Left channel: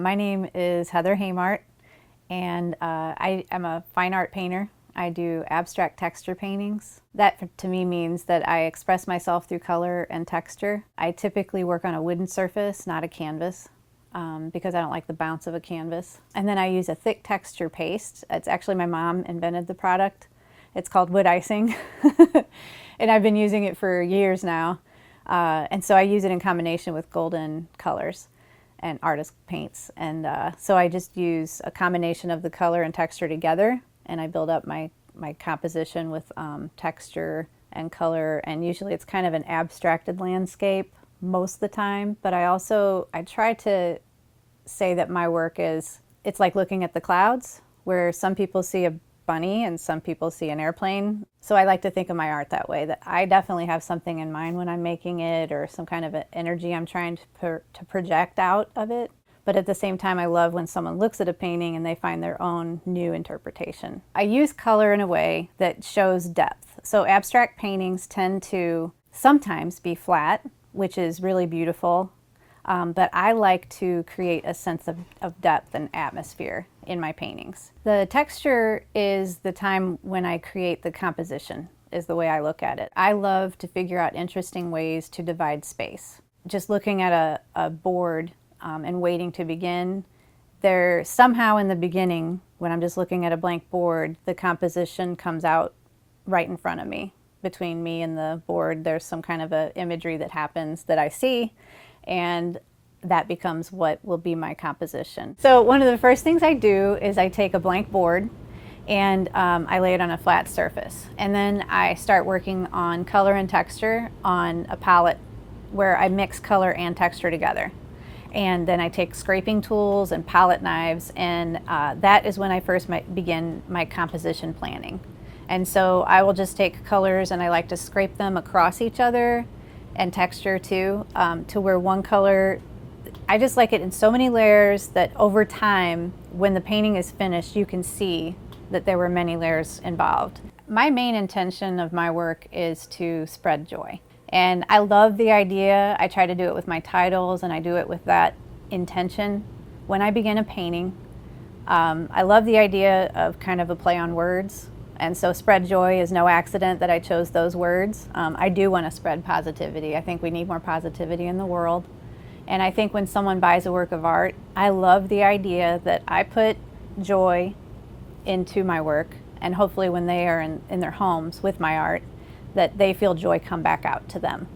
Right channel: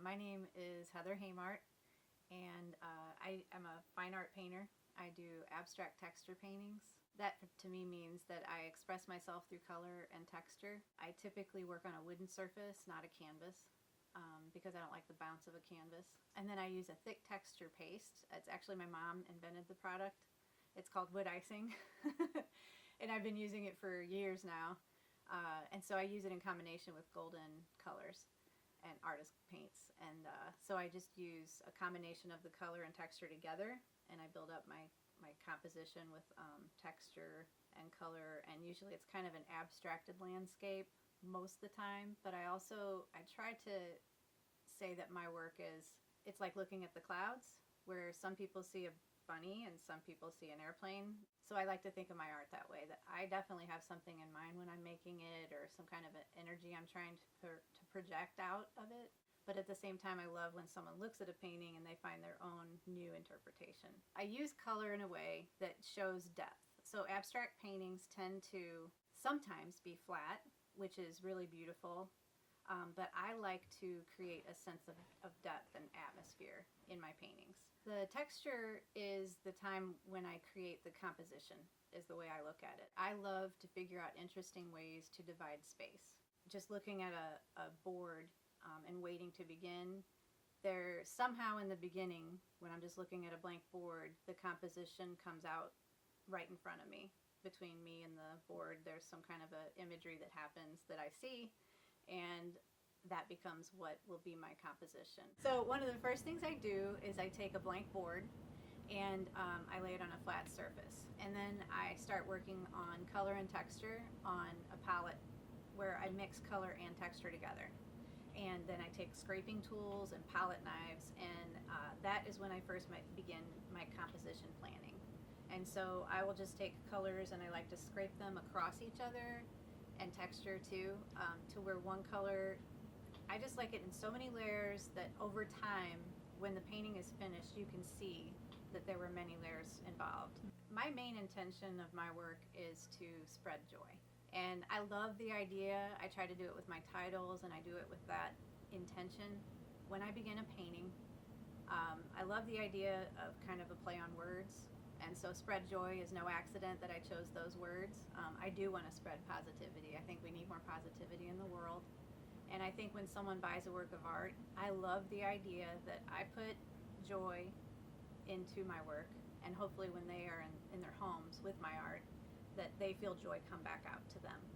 My name is Heather Haymart, and I am a fine art painter. I do abstract texture paintings. That to me means that I express myself through color and texture. I typically work on a wooden surface, not a canvas, because I don't like the bounce of a canvas. And then I use a thick texture paste. It's actually, my mom invented the product. It's called wood icing, and I've been using it for years now. And so I use it in combination with golden colors and artist paints. And so I just use a combination of the color and texture together, and I build up my composition with texture and color. And usually it's kind of an abstracted landscape most of the time, but I try to say that my work it's like looking at the clouds, where some people see a bunny and some people see an airplane. So I like to think of my art that way, that I definitely have something in mind when I'm making it, or some kind of an energy I'm trying to project out of it. But at the same time, I love when someone looks at a painting and they find their own new interpretation. I use color in a way that shows depth. So abstract paintings tend to sometimes be flat, which is really beautiful. But I like to create a sense of depth and atmosphere in my paintings. The texture is the time when I create the composition, is the way I look at it. I love to figure out interesting ways to divide space. Just looking at a board and waiting to begin, there somehow in the beginning, when I'm just looking at a blank board, the composition comes out right in front of me. Between me and the board, there's some kind of a imagery that happens that I see, and that becomes what will be my composition. So one of the first things I do is I take a blank board and I lay it on a flat surface. And then I start working on color and texture on a palette where I mix color and texture together. And then I take scraping tools and palette knives, and that is when I first begin my composition planning. And so I will just take colors and I like to scrape them across each other, and texture too, to where one color, I just like it in so many layers that over time, when the painting is finished, you can see that there were many layers involved. My main intention of my work is to spread joy. And I love the idea. I try to do it with my titles, and I do it with that intention. When I begin a painting, I love the idea of kind of a play on words. And so spread joy is no accident that I chose those words. I do want to spread positivity. I think we need more positivity in the world. And I think when someone buys a work of art, I love the idea that I put joy into my work, and hopefully when they are in their homes with my art, that they feel joy come back out to them.